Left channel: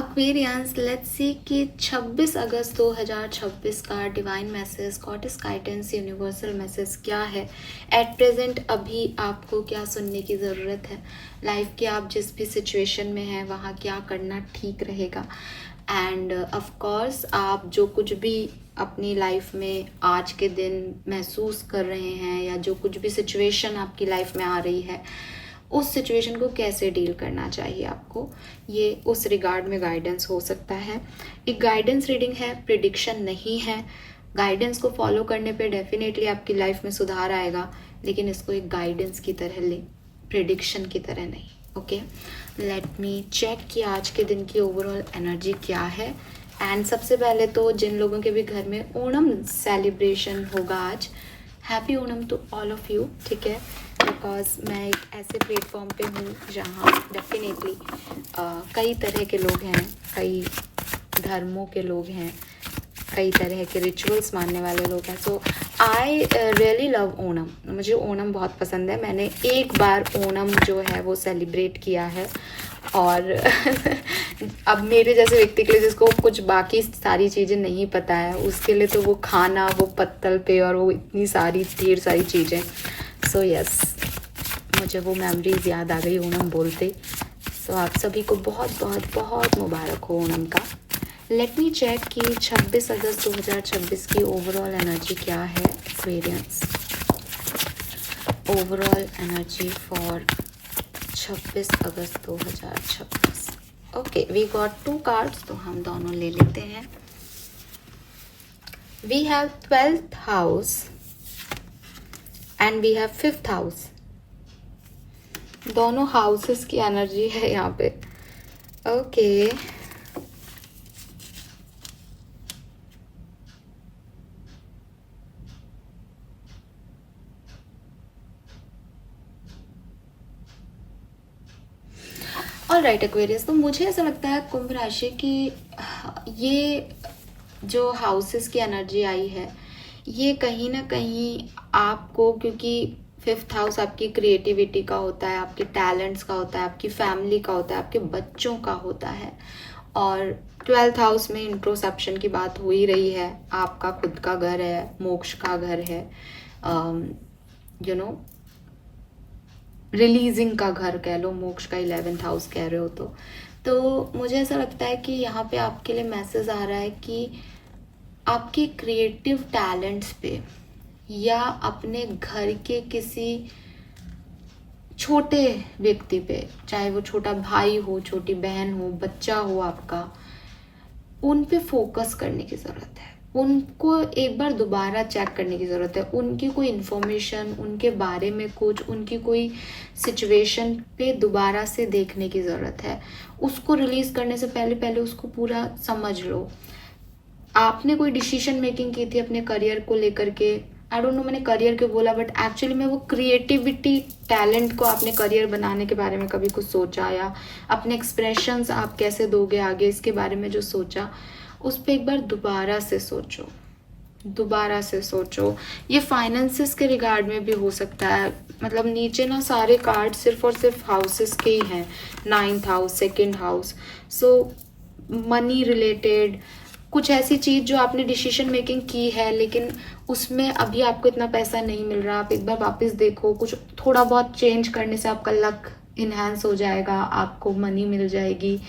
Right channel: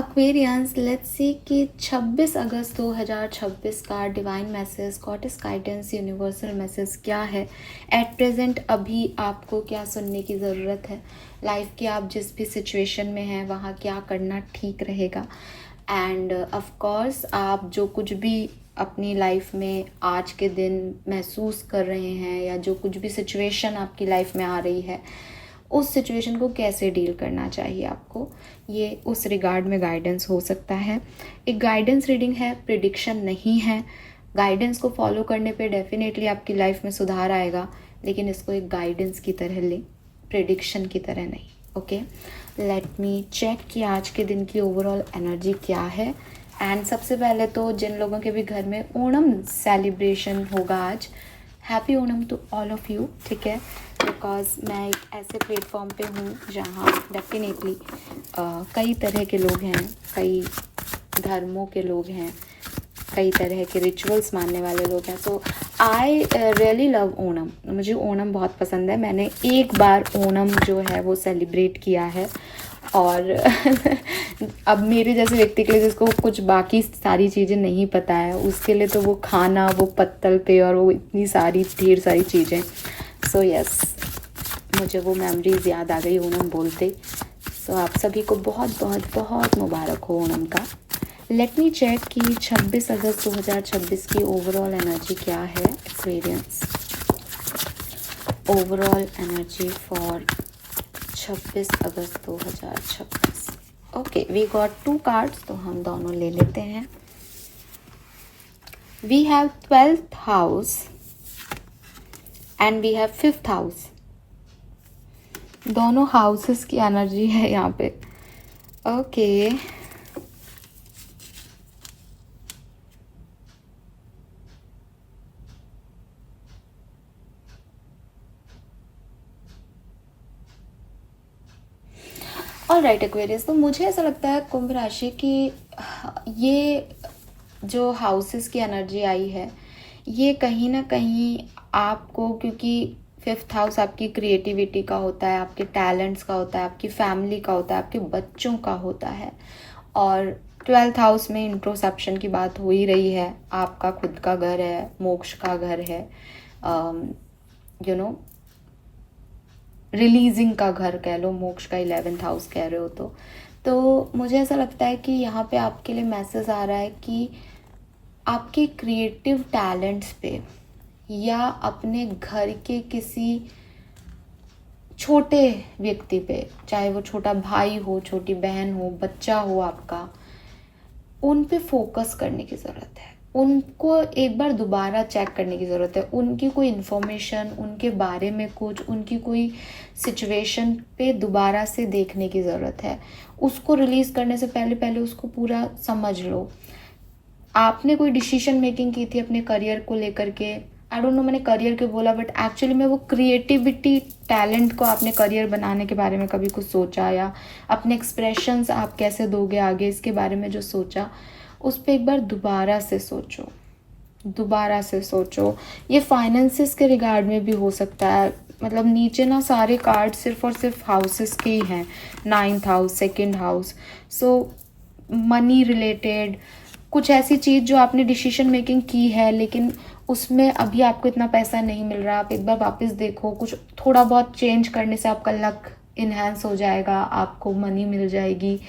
Aquarians, let's see कि 26 August 2026 का divine message, goddess guidance, universal message क्या है एट प्रेजेंट। अभी आपको क्या सुनने की ज़रूरत है लाइफ की, आप जिस भी सिचुएशन में हैं वहाँ क्या करना ठीक रहेगा। एंड ऑफ कोर्स आप जो कुछ भी अपनी लाइफ में आज के दिन महसूस कर रहे हैं या जो कुछ भी सिचुएशन आपकी लाइफ में आ रही है, उस सिचुएशन को कैसे डील करना चाहिए आपको, ये उस रिगार्ड में गाइडेंस हो सकता है। एक गाइडेंस रीडिंग है, प्रिडिक्शन नहीं है। गाइडेंस को फॉलो करने पे डेफिनेटली आपकी लाइफ में सुधार आएगा, लेकिन इसको एक गाइडेंस की तरह लें, प्रिडिक्शन की तरह नहीं। ओके, लेट मी चेक कि आज के दिन की ओवरऑल एनर्जी क्या है। एंड सबसे पहले तो जिन लोगों के भी घर में ओणम सेलिब्रेशन होगा आज, happy Onam to all of you, ठीक है। बिकॉज मैं एक ऐसे प्लेटफॉर्म पे हूँ जहाँ डेफिनेटली कई तरह के लोग हैं, कई धर्मों के लोग हैं, कई तरह के रिचुअल्स मानने वाले लोग हैं। सो आई रियली लव ओणम, मुझे ओणम बहुत पसंद है। मैंने एक बार ओणम जो है वो सेलिब्रेट किया है, और अब मेरे जैसे व्यक्ति के लिए जिसको कुछ बाकी सारी चीज़ें नहीं पता है, उसके लिए तो वो खाना, वो पत्तल पे और वो इतनी सारी ढेर सारी चीज़ें। सो यस, मुझे वो मेमोरीज याद आ गई ओणम बोलते। सो आप सभी को बहुत बहुत बहुत मुबारक हो ओणम का। लेट मी चेक कि 26 अगस्त 2026 की ओवरऑल एनर्जी क्या है Aquarians. Overall energy for 26 August 2026। Okay, we got 2 cards, तो हम दोनों ले लेते हैं। We have 12th house and we have 5th house. दोनों हाउसेस की एनर्जी है यहाँ पे। ओके, ऑलराइट एक्वेरियस, तो मुझे ऐसा लगता है कुंभ राशि की ये जो हाउसेस की एनर्जी आई है, ये कहीं ना कहीं आपको, क्योंकि 5th हाउस आपकी क्रिएटिविटी का होता है, आपके टैलेंट्स का होता है, आपकी फैमिली का होता है, आपके बच्चों का होता है, और 12th हाउस में इंट्रोसेप्शन की बात हो ही रही है। आपका खुद का घर है, मोक्ष का घर है, यू नो रिलीजिंग का घर कह लो, मोक्ष का 11th हाउस कह रहे हो तो मुझे ऐसा लगता है कि यहाँ पे आपके लिए मैसेज आ रहा है कि आपके क्रिएटिव टैलेंट्स पे या अपने घर के किसी छोटे व्यक्ति पे, चाहे वो छोटा भाई हो, छोटी बहन हो, बच्चा हो आपका, उन पे फोकस करने की ज़रूरत है। उनको एक बार दोबारा चेक करने की ज़रूरत है। उनकी कोई इन्फॉर्मेशन, उनके बारे में कुछ, उनकी कोई सिचुएशन पे दोबारा से देखने की ज़रूरत है। उसको रिलीज़ करने से पहले पहले उसको पूरा समझ लो। आपने कोई डिसीजन मेकिंग की थी अपने करियर को लेकर के, आई डोंट नो मैंने करियर क्यों बोला, बट एक्चुअली में वो क्रिएटिविटी टैलेंट को आपने करियर बनाने के बारे में कभी कुछ सोचा, या अपने एक्सप्रेशंस आप कैसे दोगे आगे, इसके बारे में जो सोचा, उस पर एक बार दोबारा से सोचो, दोबारा से सोचो। ये फाइनेंसिस के रिगार्ड में भी हो सकता है। मतलब नीचे ना सारे कार्ड सिर्फ और सिर्फ हाउसेस के ही हैं, 9th हाउस, 2nd हाउस। सो मनी रिलेटेड कुछ ऐसी चीज़ जो आपने डिसीजन मेकिंग की है, लेकिन उसमें अभी आपको इतना पैसा नहीं मिल रहा, आप एक बार वापस देखो, कुछ थोड़ा बहुत चेंज करने से आपका लक इन्हांस हो जाएगा, आपको मनी मिल जाएगी।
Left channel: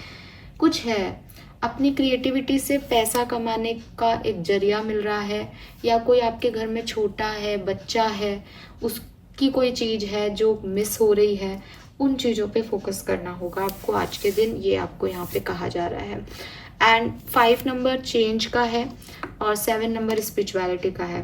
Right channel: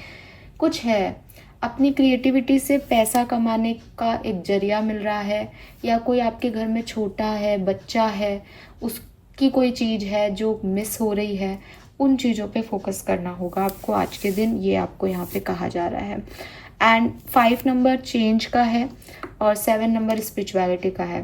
कुछ है, अपनी क्रिएटिविटी से पैसा कमाने का एक जरिया मिल रहा है, या कोई आपके घर में छोटा है, बच्चा है, उसकी कोई चीज़ है जो मिस हो रही है, उन चीज़ों पे फोकस करना होगा आपको आज के दिन, ये आपको यहाँ पे कहा जा रहा है। एंड 5 नंबर चेंज का है और 7 नंबर स्पिरिचुअलिटी का है।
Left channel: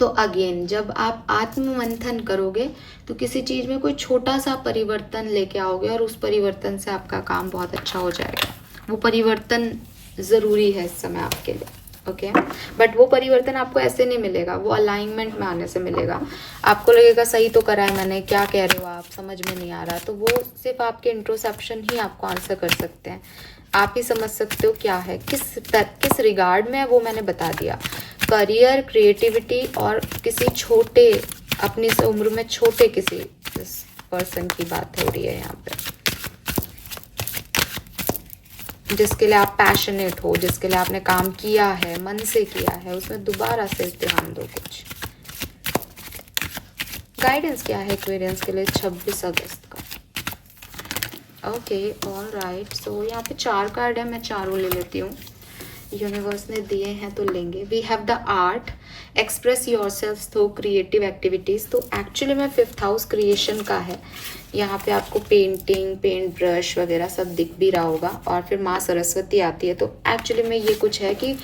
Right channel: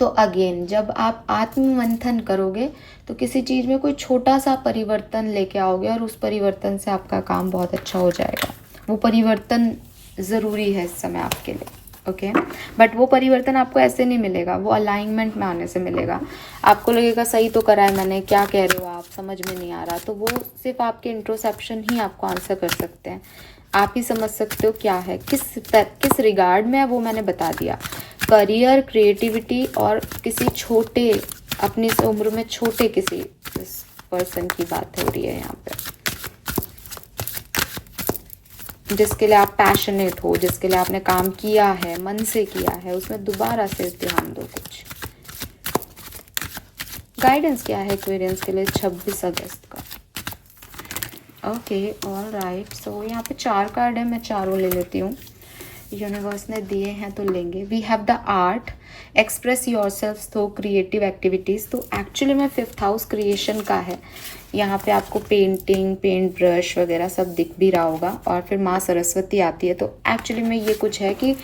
तो अगेन जब आप आत्ममंथन करोगे तो किसी चीज़ में कोई छोटा सा परिवर्तन लेके आओगे, और उस परिवर्तन से आपका काम बहुत अच्छा हो जाएगा। वो परिवर्तन ज़रूरी है इस समय आपके लिए, ओके। बट वो परिवर्तन आपको ऐसे नहीं मिलेगा, वो अलाइनमेंट में आने से मिलेगा। आपको लगेगा सही तो करा है मैंने, क्या कह रहे हो आप, समझ में नहीं आ रहा, तो वो सिर्फ आपके इंट्रोसेप्शन ही आपको आंसर कर सकते हैं। आप ही समझ सकते हो क्या है, किस रिगार्ड में है, वो मैंने बता दिया। करियर, क्रिएटिविटी और किसी छोटे, अपनी उम्र में छोटे किसी पर्सन की बात हो रही है यहाँ पे। जिसके लिए आप पैशनेट हो, जिसके लिए आपने काम किया है, मन से किया है, उसमें दोबारा से ध्यान दो। कुछ गाइडेंस क्या है एक्वेरियंस के लिए 26 अगस्त का? Okay, all right. सो यहाँ पे 4 कार्ड है, मैं चारों ले लेती हूँ। यूनिवर्स ने दिए हैं तो लेंगे। We have the art, express your self through creative activities. तो एक्चुअली में 5th हाउस क्रिएशन का है। यहाँ पे आपको पेंटिंग, पेंट ब्रश वगैरह सब दिख भी रहा होगा। और फिर माँ सरस्वती आती है। तो एक्चुअली में ये कुछ है कि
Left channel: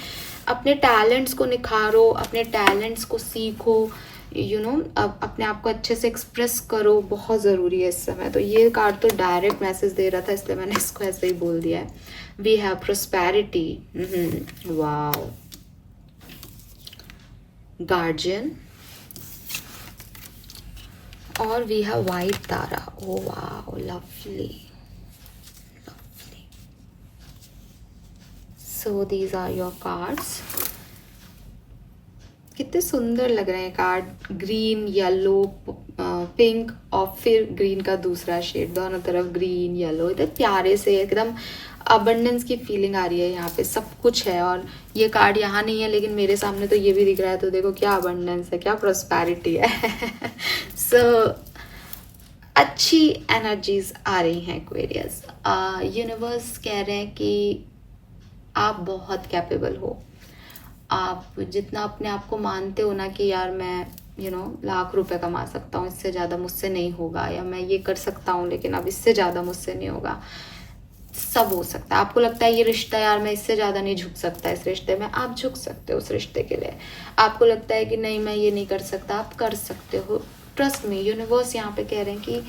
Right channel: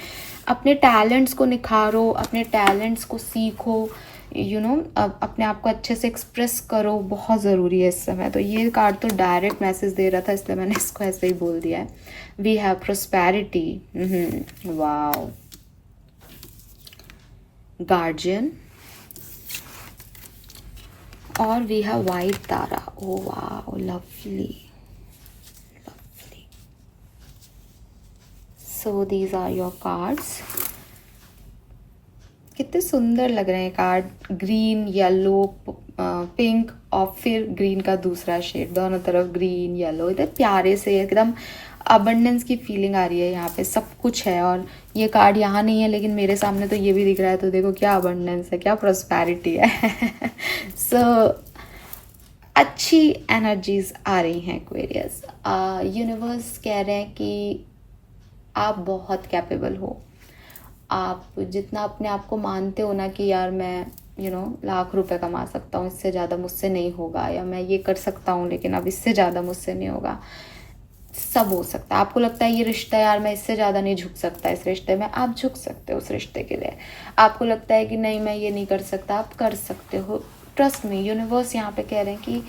अपने टैलेंट्स को निखारो, अपने टैलेंट्स को सीखो, अपने आप को अच्छे से एक्सप्रेस करो, बहुत ज़रूरी है इस समय। तो ये कार्ड तो डायरेक्ट मैसेज दे रहा था, इसलिए मैंने इसको ऐसे ही बोल दिया है। We have prosperity, wow, guardian, और we have White Tara. Oh wow, lovely, lovely. So these are your cards. कितने सुंदर लग रहे हैं कार्ड, ग्रीन, येलो, पिंक और फिर ग्रीन का दूसरा शेड, दोनों तरफ ग्रीन येलो, इतने प्यारे से एकदम अबंडेंस की फीलिंग आ रही है। यहाँ पे सब कुछ है। और ये कार्ड यहाँ नहीं है लेकिन मेरे सामने तो ये भी दिख रहा है। तो देखो क्या अबंडेंस है, क्या प्रॉस्पेरिटी है। सो अच्छी एनर्जीज आ रही हैं एक्वेरियस। यूनिवर्स कह रहे हैं कि आप बहुत कैपेबल हो। आप जितना अपने आप को मानते हो ना कि यार मैं लाख रुपए कमा सकता हूँ, इससे ज़्यादा मुझसे नहीं होगा, या मैं ये कर सकता हूँ लेकिन अब इससे ज़्यादा मुझसे नहीं होगा, सब हो सकता है। आपको लगता है ये रिश्ता यार मैं इससे ज़्यादा नहीं झुक सकता इस रिश्ते में, आप झुक सकते हो उस रिश्ते के लिए। आपको लगता है कि नहीं मैं ये नहीं कर सकता, आप कर सकते हो। ट्रस्ट मी, यूनिवर्स यहाँ पे कह रहे हैं कि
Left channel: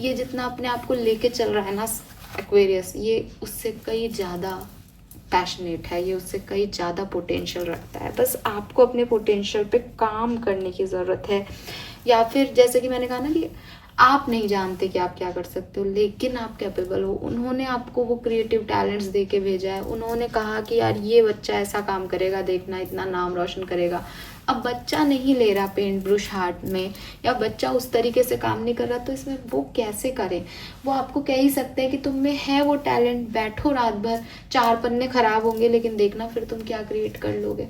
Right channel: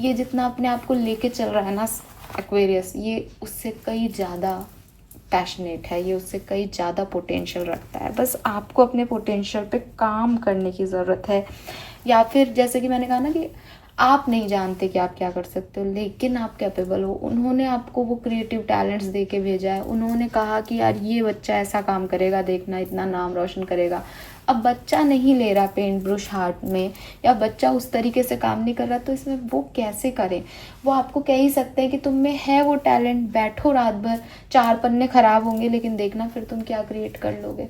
ये जितना अपने आप को लेके चल रहा है ना एक्वेरियस, ये उससे कई ज़्यादा पैशनेट है, ये उससे कई ज़्यादा पोटेंशियल रखता है। बस आपको अपने पोटेंशियल पे काम करने की ज़रूरत है। या फिर जैसे कि मैंने कहा ना कि आप नहीं जानते कि आप क्या कर सकते हो, लेकिन आप कैपेबल हो। उन्होंने आपको वो क्रिएटिव टैलेंट्स दे के भेजा है। उन्होंने कहा कि यार ये बच्चा ऐसा काम करेगा, देखना इतना नाम रोशन करेगा। अब बच्चा नहीं ले रहा पेंट ब्रश हाथ में, या बच्चा उस तरीके से काम नहीं कर रहा, तो इसमें वो कैसे करे? वो आपको कह ही सकते हैं कि तुम में है वो टैलेंट, बैठो रात भर, 4 पन्ने खराब होंगे लेकिन देखना फिर तुम क्या क्रिएट कर लोगे।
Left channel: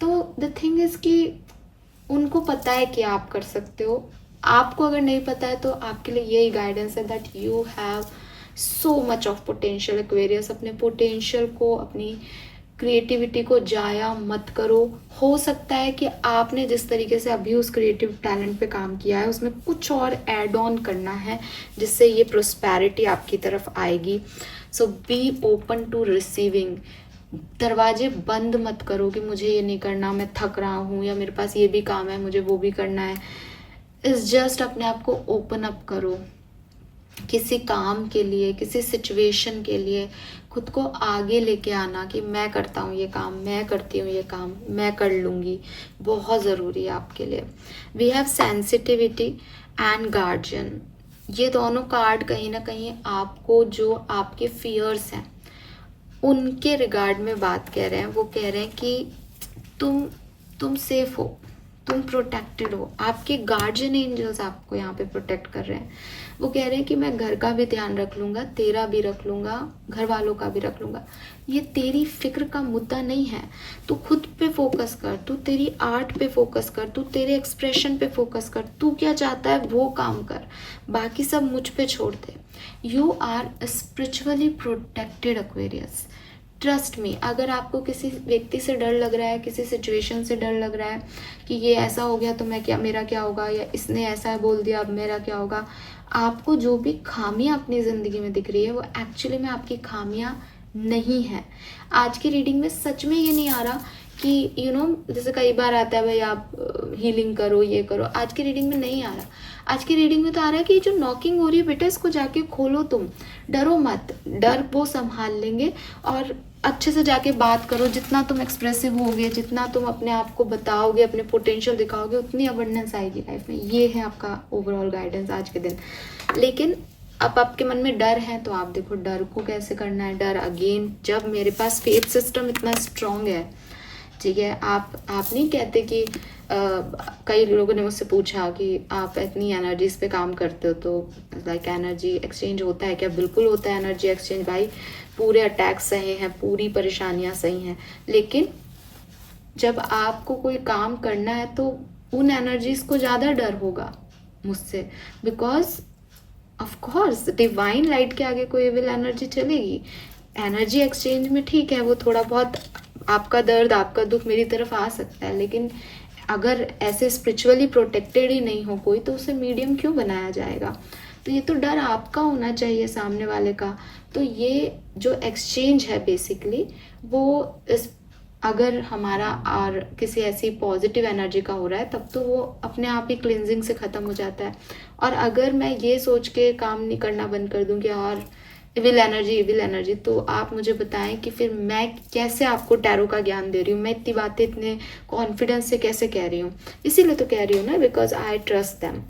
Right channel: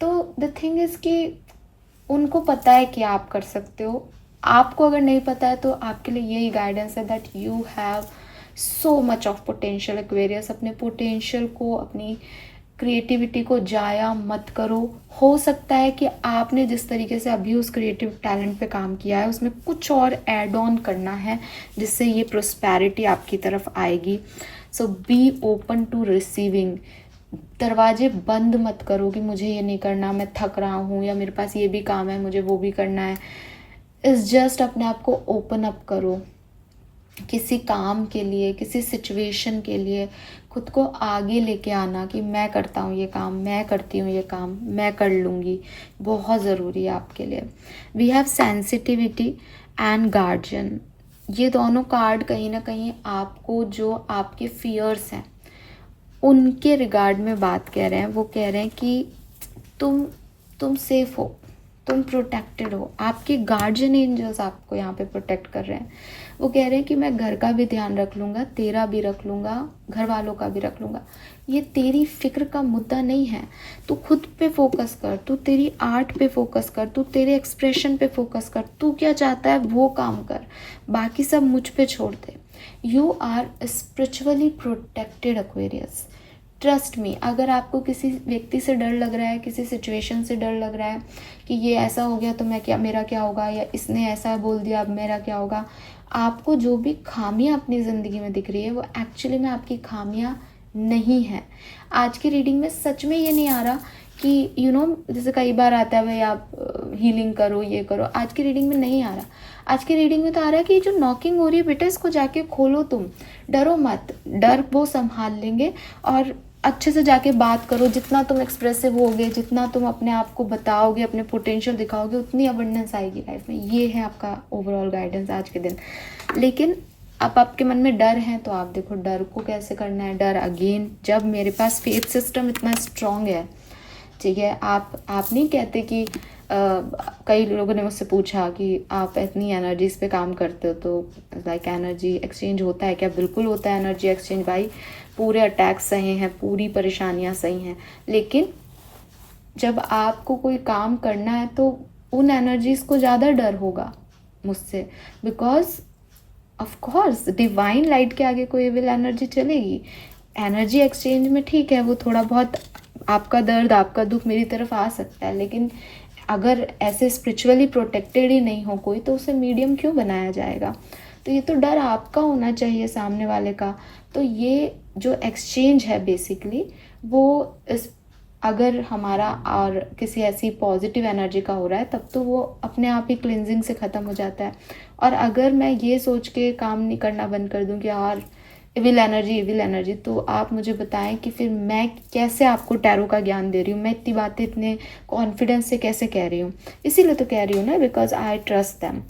तो द थिंग इज कि उनको पता है कि आप कर सकते हो। आपको अगर नहीं पता है तो आपके लिए यही गाइडेंस है that you have so much of potential Aquarius. अपने पोटेंशियल को, अपनी क्रिएटिविटी को जाया मत करो। हो सकता है कि आपने जिस तरीके से अभी उस क्रिएटिव टैलेंट पे काम किया है उसमें कुछ और ऐड ऑन करना है जिससे ये प्रोस्पेरिटी आपकी तरफ आएगी। सो बी ओपन टू रिसीविंग। दरवाजे बंद मत करो कि मुझे ये नहीं करना, मैं थक रहा हूँ, या मेरे पास ये भी काम है, मुझे वो भी करना है। इस जस्ट अपने आप को ओपन अप करो किसी काम के लिए, किसी सिचुएशन के लिए। खुद को आगे लेके आना कि मैं करता हूँ ये काम, मैं करती हूँ ये काम, मैं कर लूँगी, बहुत ज़रूरी है आपके लिए। We have sensitivity and guardian. ये दोनों कार्ड कहीं ना कहीं आपको, जो आपके फियर्स हैं उनके रिगार्ड में बात कह रहे हैं। वो कह रहे हैं कि तुम सेफ हो, तुम प्रोटेक्टेड हो। आपके गार्जियन एंजल्स आपको यहाँ पे प्रोटेक्ट कर रहे हैं। वो कह रहे हैं कि मैं घर का भी ध्यान रख लूँगा, तेरा भी रख लूँगा, घर वालों का भी रख लूँगा। ये तेरी फिक्र का मुद्दा नहीं है। तू खुद पे फोकस कर, तू तेरी आर्ट पे फोकस कर, तू तेरे एक्सप्रेशन पे फोकस कर, तू क्या चाहता है वो काम कर, बाकी सब मुझ पे छोड़ दे। You are spiritually protected Aquarius. Trust me. अगर आपको किसी व्यक्ति से डर लग रहा है, किसी सिचुएशन से डर लग रहा है कि ये ऐसा हो गया तो मेरा क्या होगा, या इसने ऐसा बोल दिया अब मेरा क्या होगा, आपको जो भी खामियां अपनी ज़िंदगी में दिख रही है वो एक्चुअली में आपकी खामियां नहीं है। आज की रीडिंग में सच में ये नहीं आ रहा कि जैसे कई बार आता है भाई आप हीलिंग करो, ये करो। आज की रीडिंग में नहीं आ रहा। आज की रीडिंग में तो आ रहा है कि जो नॉकिंग हो रही है बेटा, इसको जाके खोलो। तुम डरो मत, डर वो संभाल लेंगे। और अच्छे से जाके बात करो। जितना तुम एक्सप्रेसिव होगे, जितना तुम अपने आप को बताओगे, अपने पोटेंशियल दिखाओगे, उतनी अबंडेंस आएगी लाइफ में। ये है आपका ओवरऑल गाइडेंस आज के दिन। लेकिन अब आपके मन में डर है तो आप देखो डर को कैसे करना है। डर अगेन, जब मेरे पास फेथ सिस्टम इतना स्ट्रांग है, ठीक है, आप नहीं कहते कि कई लोगों ने मुझसे पूछा कि आप इतनी एनर्जीज पे काम करते हो तो लाइक एनर्जी एक्सचेंज होता है क्या? बिल्कुल होता है एनर्जी एक्सचेंज भाई। पूरे अटैक्स सहे हैं, पूरी परेशानियां सही हैं, लेकिन जब आपको कोई काम करना है तो उन एनर्जीज को ज़्यादा डर होगा मुझसे, because of course divine light के आगे कोई एविल एनर्जी चलेगी। एनर्जी एक्सचेंज में ठीक है, वो थोड़ा बहुत आपका दर्द, आपका दुख मेरी तरफ आ सकता है, लेकिन अगर ऐसे स्पिरिचुअली प्रोटेक्टेड ही नहीं हो कोई, तो उसे मीडियम क्यों बनाया जाएगा? तो ये तो डर आपका होना चाहिए, सामने वाले का। तो ये जो एक्सचेंज है बेसिकली, वो इस अगर हमारा और किसी ऐसी पॉजिटिव एनर्जी का हो रहा है, तब तो वो अपने आप ही क्लिनजिंग से ख़त्म हो जाता है। और अगर मैं ये सोच के काम नहीं करना बंद कर दूं कि यार इविल एनर्जी, तो आप मुझे बताएं कि फिर मैं कैसे आपको टैरो का ज्ञान दे रही हूँ, मैं इतनी बातें इतने कॉन्फिडेंस से कैसे कह रही हूँ? इसीलिए तो कह रही हूँ ना, बिकॉज आई ट्रस्ट देम।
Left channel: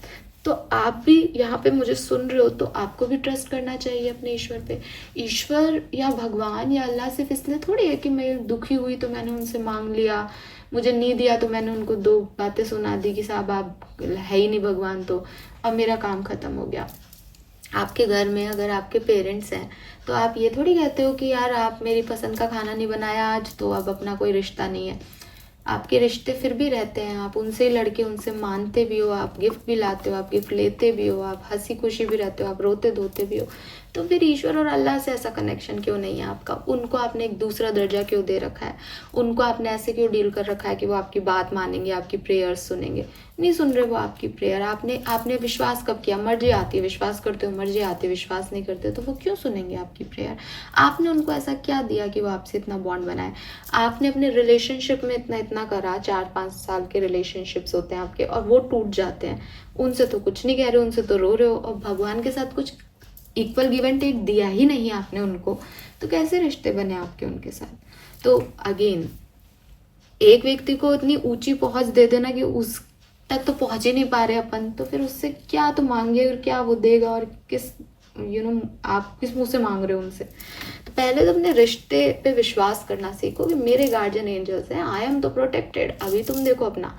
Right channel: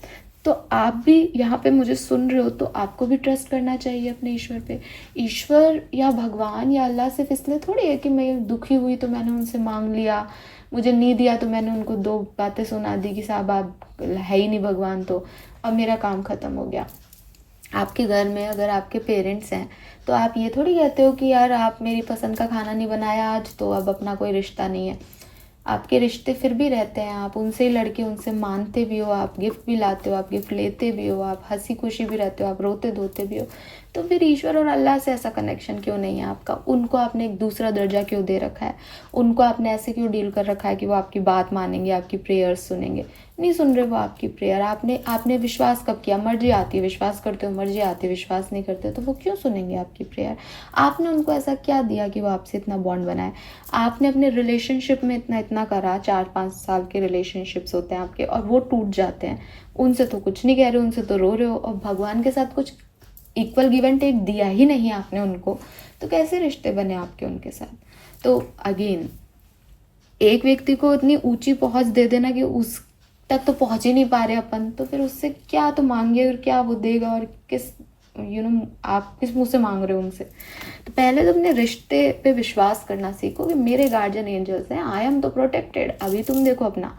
तो आप भी यहाँ पे मुझे सुन रहे हो, तो आपको भी ट्रस्ट करना चाहिए अपने ईश्वर पे। ईश्वर या भगवान या अल्लाह सिर्फ इसलिए थोड़ी है कि मैं दुखी हुई तो मैंने उनसे मांग लिया, मुझे नहीं दिया तो मैंने उनको 2 बातें सुना दी कि साहब आप है ही नहीं भगवान, तो अब मेरा काम ख़त्म हो गया। आपके घर में अगर आपके पेरेंट्स हैं, तो आप ये थोड़ी कहते हो कि यार आप मेरी पसंद का खाना नहीं बनाया आज, तो अब अपना कोई रिश्ता नहीं है। आपके रिश्ते फिर भी रहते हैं, आप उनसे ही लड़के, उनसे मानते भी हो, आप गिफ्ट भी लाते हो, आप गिफ्ट लेते भी हो, आप हंसी खुशी भी रहते हो, आप रोते धोते भी हो। तो फिर ईश्वर और अल्लाह से ऐसा कनेक्शन क्यों नहीं है आपका? उनको आपने एक दूसरा दर्जा क्यों दे रखा है? उनको आपने ऐसे क्यों डील कर रखा है कि वो आपकी बात मानेंगे, आपकी प्रेयर्स सुनेंगे? नहीं सुन रहे वो आपकी प्रेयर। आपने विश्वास कब किया? मर्जी आती है विश्वास करते हो, मर्जी आती है विश्वास नहीं करते, तो वो क्यों सुनेंगे आपकी प्रेयर? आपने उनको ऐसा क्या दिया कि वो आपसे इतना बॉन्ड बनाए? आपने अपने रिलेशनशिप में इतना करा, 4-5 साल के रिलेशनशिप्स होते हैं आपके, और वो टूट जाते हैं। उनसे तो कुछ नहीं कह रहे हो, उनसे तो रो रहे हो, और भगवान के साथ कुछ इक्वल गिव एंड टेक दिया ही नहीं आपने उनको, तो कैसे रिश्ते बने आपके उनके साथ? तो अगेन, एक व्यक्ति को इतनी ऊंची पहुंच दे देना कि उस तक तो पहुंच ही नहीं पा रहे अपन, तो फिर उससे क्या तो मांगे और क्या वो देगा, और किस आप किस मुंह से मांग रहे हो उनसे? तो पहले तो अपने रिश्ते पे विश्वास करना सीखो कि मेरे गार्जियन एंजल्स हैं, आई एम तो प्रोटेक्टेड। अभी तुम देखो अपना,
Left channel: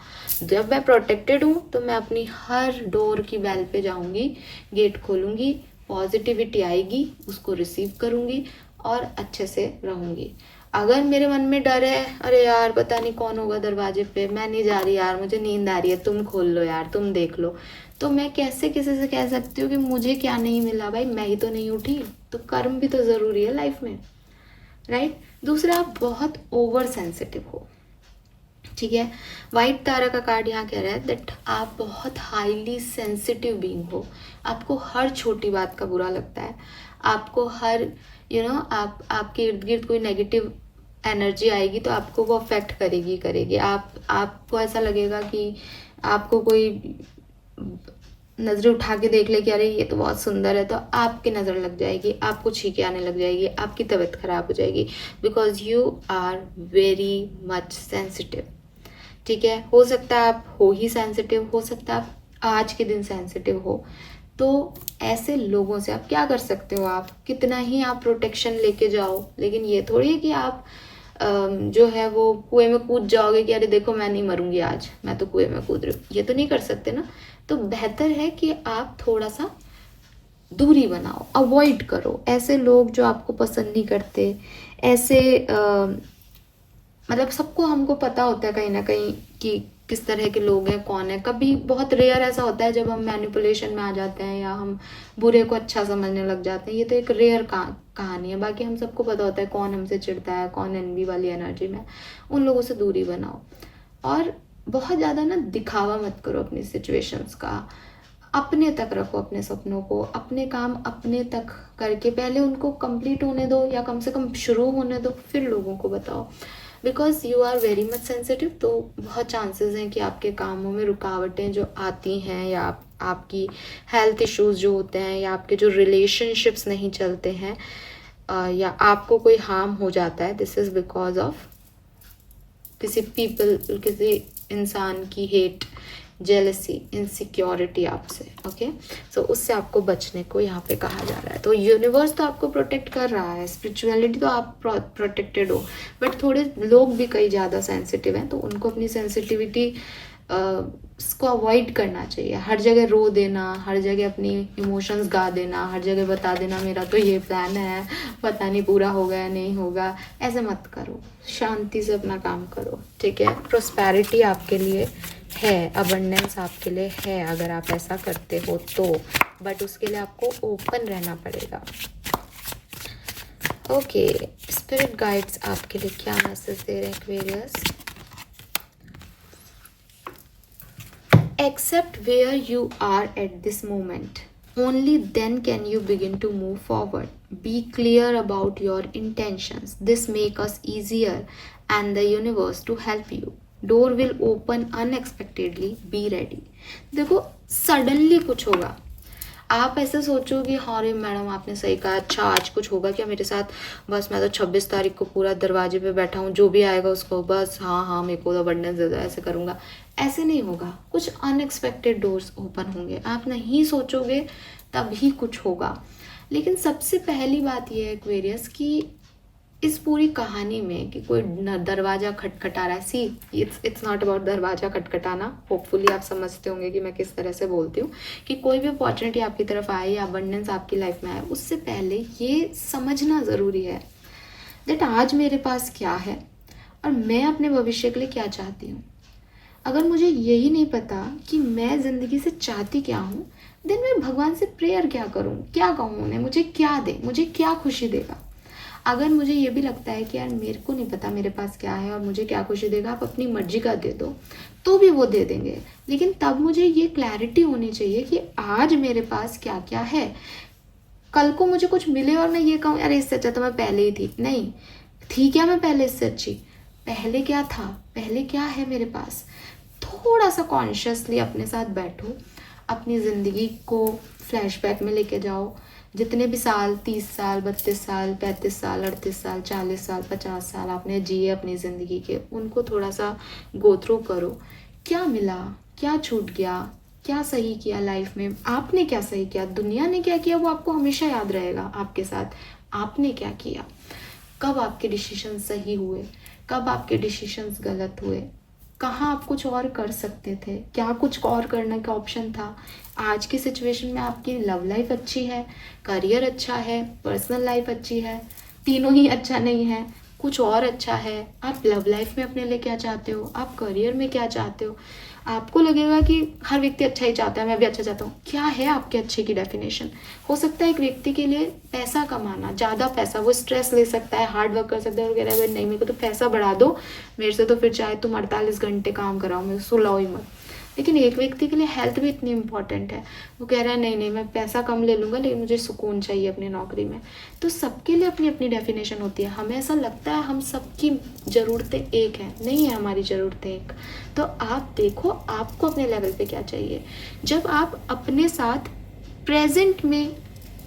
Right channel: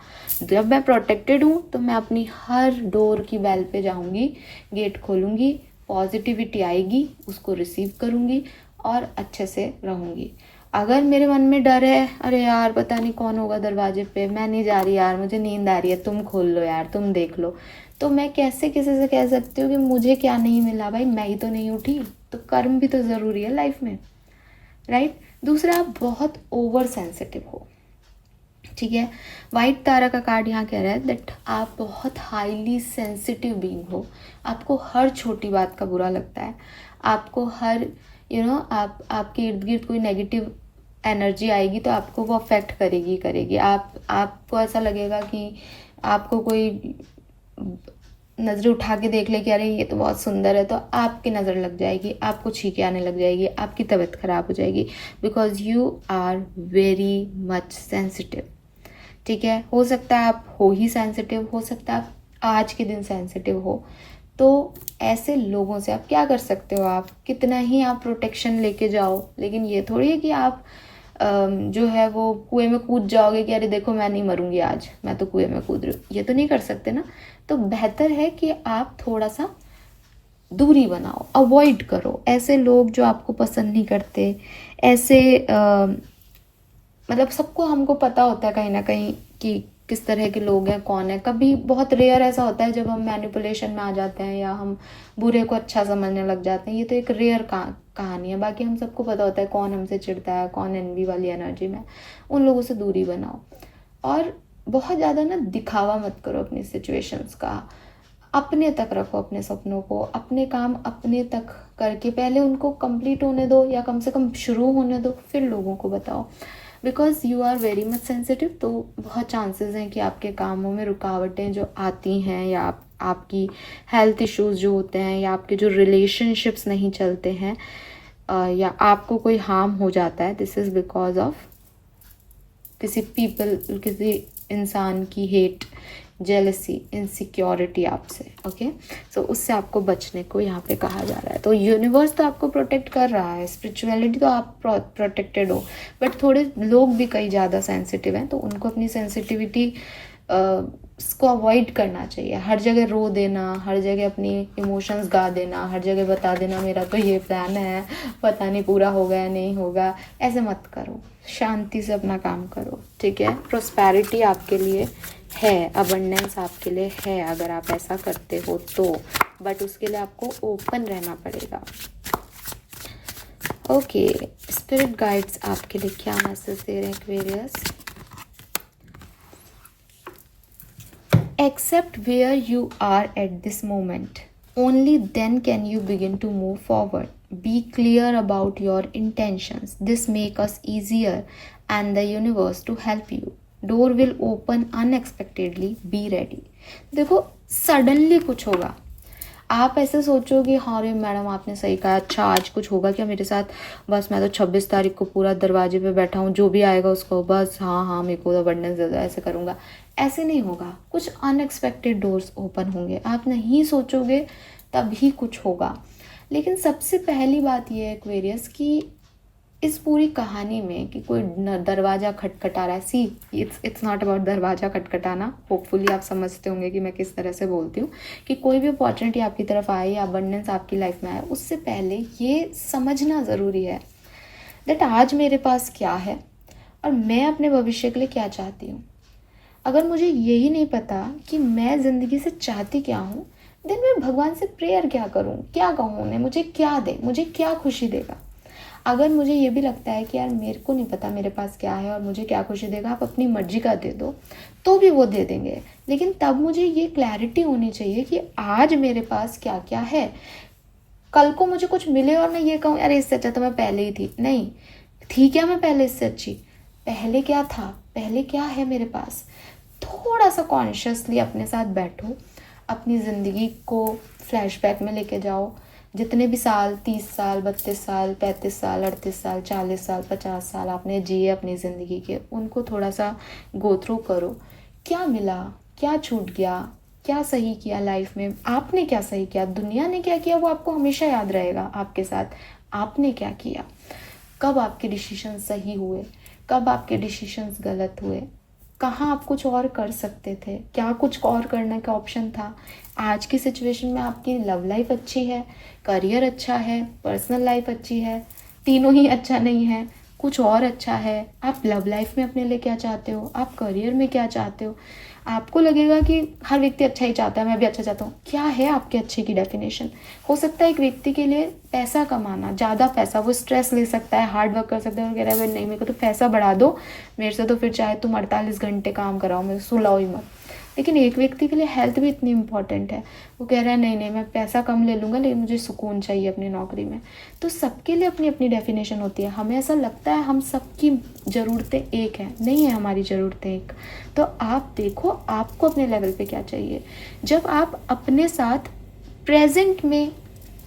जब मैं प्रोटेक्टेड हूँ तो मैं अपनी हर डोर की बेल पे जाऊंगी, गेट खोलूंगी, पॉजिटिविटी आएगी, उसको रिसीव करूंगी और अच्छे से रहूंगी। अगर मेरे मन में डर है, अरे यार पता नहीं कौन होगा दरवाजे पे, मैं नहीं जा रही यार, मुझे नींद आ रही है, तुम खोल लो यार, तुम देख लो, तो मैं कैसे किसी से कह सकती हूँ कि मुझे क्या नहीं मिला? भाई मैं ही तो नहीं उठी। तो कर्म भी तो ज़रूरी है लाइफ में, राइट? दूसरा, आप बहुत ओवर सेंसिटिव हो, ठीक है? वाइट तारा का कार्ड यहाँ कह रहा है दैट आप बहुत हाईली सेंसिटिव बीइंग हो। आपको हर छोटी बात का बुरा लगता है, आपको हर आपके इर्द गिर्द कोई नेगेटिव एनर्जी आएगी तो आपको वो अफेक्ट करेगी। आपको ऐसा लगेगा कि आपको कोई नज़रें उठा के देख ले कि अरे ये तो बहुत सुंदर है, तो आपकी नज़र लग जाएगी, आपको छींके आने लग जाएगी, आपकी तबीयत खराब हो जाएगी, because you are very much sensitive, ठीक है? हो सकता है आप हो ही सेंसिटिव, हो सकता है आप आज के दिन सेंसिटिव हो। तो ऐसे लोगों से आप क्या कर सकते हो? आप कितना ही आप प्रोटेक्शन लेके जाओ, लेकिन ये थोड़ी है कि आप जो है वो कुएं में कूद जाओगे कि अरे देखो मैं नहीं मरूंगी आज, मैं तो कुएं में कूद रही हूँ। ये तो नहीं कर सकते ना। तो बेहतर है कि आप थोड़ा सा दूरी बनाओ, अवॉइड करो ऐसे लोग जो आपको पसंद नहीं करते। ऐसे मतलब सबको हमको पता होता है कहीं ना कहीं कि किस तरह के लोग हैं, कौन है। कभी बहुत रेयर ऐसा होता है जब हम मैनिपुलेशन में आ जाते हैं या हम बुरे को अच्छा समझने लग जाते हैं। ये तो एक रेयर कहानी है। बाकी हम सबको पता होता है कौन हमसे चिढ़ता है, कौन एनवी वाली एनर्जी में। उन लोगों से दूरी बनाओ और बहुत ज़्यादा ना दिखावा मत करो अपनी सिचुएशंस का। अपने तक रखो अपने सपनों को, अपने काम अपने तक करके पहले उनको कंप्लीट होने दो या कम से कम शुरू होने दो, फिर लोगों को बताओ। Because you are very much sensitive, तो बहुत चांसेस हैं कि आपके कामों में रुकावटें जो आती हैं या आपकी हेल्थ इश्यूज जो होते हैं या आपके जो रिलेशनशिप्स नहीं चलते हैं या आपको कोई हार्म हो जाता है, दिस इज़ बिकॉज ऑफ किसी इंसान की हेट, जेलसी, इनसिक्योरिटी आपसे। ओके, सो उससे आपको बचने को यहाँ पे कहा जा रहा है। तो यूनिवर्स तो आपको प्रोटेक्ट कर रहा है, स्पिरिचुअलिटी तो आप प्रोटेक्टेड हो, बट थोड़े लोग भी कई ज़्यादा सेंसिटिव हैं, तो उनको अपनी सेंसिटिविटी इसको अवॉइड करना चाहिए। हर जगह रो देना, हर जगह अपनी इमोशंस गा देना, हर जगह बता देना मेरा तो ये प्लान है, पता नहीं पूरा होगा या नहीं होगा, ऐसे मत करो। शांति से अपना काम करो, ठीक है। प्रोस्पेरिटी आपके लिए है, अबंडेंस आपके लिए है अगर आप ऐसा करते हो तो, बट उसके लिए आपको ओपन रहना पड़ेगा। ओके, स्पिरिट गाइड्स आपके लिए क्या मैसेज दे रहे हैं Aquarius? Accept where you are at this moment. Only then can you begin to move forward. Be clear about your intentions. This makes us easier and the universe to help you. Door will open unexpectedly. Be ready. देखो suddenly कुछ होगा, आप ऐसे सोचोगे हाँ रे madam आपने सही कहा, अच्छा आज कुछ होगा क्या मेरे साथ, बस मैं तो 26 तारीख को पूरा दरवाजे पे बैठा हूँ, जो भी आएगा उसको बस हाँ हाँ मेरे को तो अबंडेंस दे दो, ऐसे करूँगा। ऐसे नहीं होगा, कुछ अनएक्सपेक्टेड डोर्स ओपन होंगे, आप नहीं सोचोगे तभी कुछ होगा। लेकिन सबसे पहली बात यह है एक्वेरियस कि इस पूरी कहानी में कि कोई दरवाज़ा खटखटा रहा है, सी इट्स नॉट अबाउट दरवाज़ा खटखटाना। होपफुली आप समझते होंगे कि मैं किस तरह से बोलती हूँ कि कोई भी अपॉर्चुनिटी आपकी तरफ आए या अबंडेंस आपकी लाइफ में आए, उससे पहले ये समझना ज़रूरी है दैट आज मेरे पास क्या है और मैं अपने भविष्य के लिए क्या चाहती हूँ। अगर मुझे यही नहीं पता कि मैं ज़िंदगी से चाहती क्या हूँ, देन मैं भगवान से प्रेयर क्या करूँ, क्या कहूँ उन्हें, मुझे क्या दे, मुझे क्या खुशी देगा। अगर मुझे ये भी लगता है कि यार मेरे को नहीं पता मेरे पास क्या है और मुझे क्या खुशी देगा, आप अपनी मर्जी का दे दो तो भी वो दे देंगे, लेकिन तब मुझे ये क्लैरिटी होनी चाहिए कि आज मेरे पास क्या क्या है। कल को मुझे कुछ मिले और मैं ये कहूँ अरे इससे अच्छा तो मैं पहले ही थी, नहीं थी क्या मैं पहले इससे अच्छी, पहले क्या था, पहले क्या है मेरे पास। थोड़ा सा कॉन्शियसली अपने साथ बैठो, अपनी ज़िंदगी को फ्लैशबैक में लेके जाओ, जितने भी साल 30 साल 32 साल 35 साल 38 साल 40 साल 50 साल आपने जिए अपनी ज़िंदगी के, उनको थोड़ा सा गो थ्रू करो। क्या मिला, क्या छूट गया, क्या सही किया लाइफ में, आपने क्या सही किया, दुनिया ने क्या किया वो आपको हमेशा याद रहेगा आपके साथ। आपने क्या किया, कब आपके डिसीजन सही हुए, कब आपके डिसीजंस गलत हुए, कहाँ आप कुछ और कर सकते थे, क्या कुछ और करने का ऑप्शन था। आज की सिचुएशन में आपकी लव लाइफ अच्छी है, करियर अच्छा है, पर्सनल लाइफ अच्छी है, तीनों ही अच्छा नहीं है, कुछ और अच्छा है। आप लव लाइफ में अपने लिए क्या चाहते हो, आप करियर में क्या चाहते हो। आपको लगेगा कि हर व्यक्ति अच्छा ही चाहता है, मैं भी अच्छा चाहता हूँ, क्या है आपके अच्छे की डेफिनेशन। हो सकता है एक व्यक्ति के लिए पैसा कमाना, ज़्यादा पैसा, वो स्ट्रेस ले सकता है, हार्ड वर्क कर सकता है और कह रहा है नहीं मेरे को तो पैसा बढ़ा दो, मेरे से तो फिर चाहे तुम 48 घंटे काम कराओ, मैं सुलाओ ही मत। लेकिन एक व्यक्ति के लिए हेल्थ भी इतनी इंपॉर्टेंट है, वो कह रहा है नहीं नहीं मैं पैसा कम ले लूँगा लेकिन मुझे सुकून चाहिए अपनी नौकरी में। तो सबके लिए अपनी अपनी डेफिनेशन होती है। हमें ऐसा लगता है हम सबकी ज़रूरतें एक हैं, नहीं है हमारी ज़रूरतें एक। तो आप देखो आपको अपने लेवल पे क्या चाहिए। जब आप अपने साथ प्रेजेंट में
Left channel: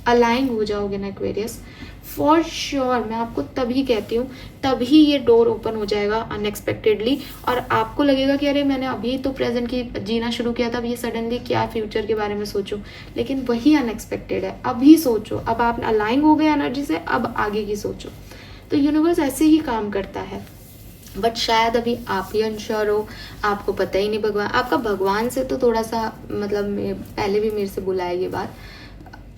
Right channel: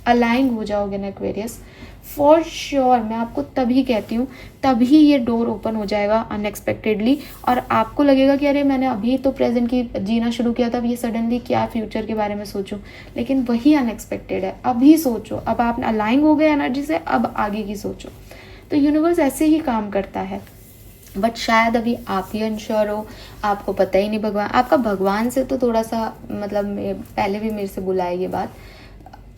अलाइन हो जाओगे ना एक्वेरियस, फॉर श्योर मैं आपको तभी कहती हूँ, तभी ये डोर ओपन हो जाएगा अनएक्सपेक्टेडली और आपको लगेगा कि अरे मैंने अभी तो प्रेजेंट की जीना शुरू किया था, अब ये सडनली क्या फ्यूचर के बारे में सोचूं। लेकिन वही अनएक्सपेक्टेड है, अभी सोचो, अब आप अलाइन हो गए एनर्जी से, अब आगे की सोचो। तो यूनिवर्स ऐसे ही काम करता है, बट शायद अभी आप ही अनश्योर हो, आपको पता ही नहीं। भगवान आपका, भगवान से तो थोड़ा सा मतलब पहले भी मेरे से बोला है ये बात,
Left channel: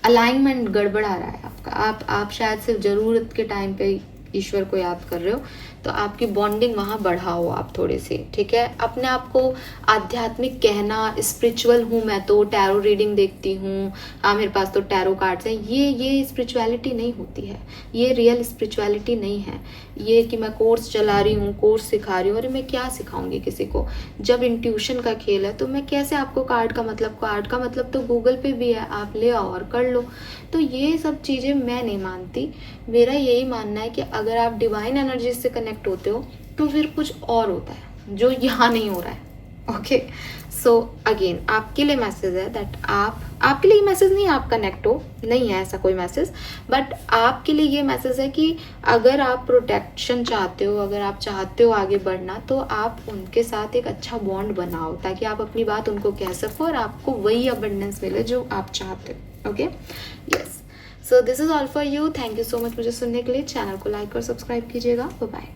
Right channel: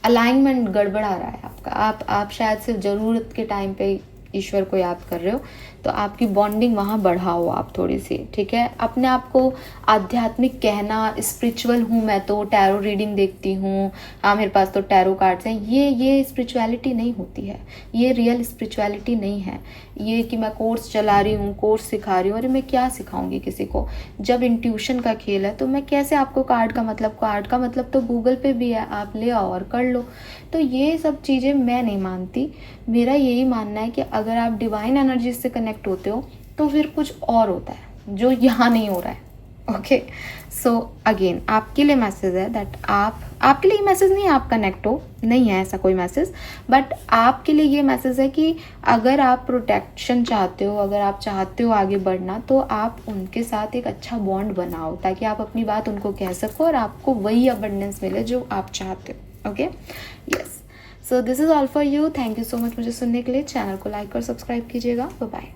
अलाइनमेंट गड़बड़ा रहा है आपका। आप शायद सिर्फ ज़रूरत के टाइम पे ईश्वर को याद कर रहे हो, तो आपकी बॉन्डिंग वहाँ बढ़ाओ आप थोड़ी सी, ठीक है। अपने आप को आध्यात्मिक कहना, स्पिरिचुअल हूँ मैं तो टैरो रीडिंग देखती हूँ, हाँ मेरे पास तो टैरो कार्ड्स हैं, ये स्पिरिचुअलिटी नहीं होती है, ये रियल स्पिरिचुअलिटी नहीं है। ये कि मैं कोर्स चला रही हूँ, कोर्स सिखा रही हूँ, अरे मैं क्या सिखाऊंगी किसी को। जब इंट्यूशन का खेल है तो मैं कैसे आपको कार्ड का मतलब तो गूगल पे भी है, आप ले आओ और कर लो। तो ये सब चीज़ें मैं नहीं मानती। मेरा यही मानना है कि अगर आप डिवाइन एनर्जी से कनेक्ट होते हो तो फिर कुछ और होता है जो यहाँ नहीं हो रहा है। ओके, सो अगेन आपके लिए मैसेज है दैट आपके लिए मैसेज नहीं, आप कनेक्ट हो, नहीं है ऐसा कोई मैसेज, बट आपके लिए ये मैसेज है कि अगर आप प्रोटेक्शन चाहते हो, अगर आप चाहते हो आगे बढ़ना, तो आप उनके साथ एक अच्छा बॉन्ड बनाओ ताकि आप अपनी बात उनको कह सको और आपको वही अबंडेंस मिले जो आप चाहते हो। Okay, yes, so this is all for you. Thank you so much मुझे सुनने के लिए। चैनल को लाइक और सब्सक्राइब कीजिएगा। Bye bye.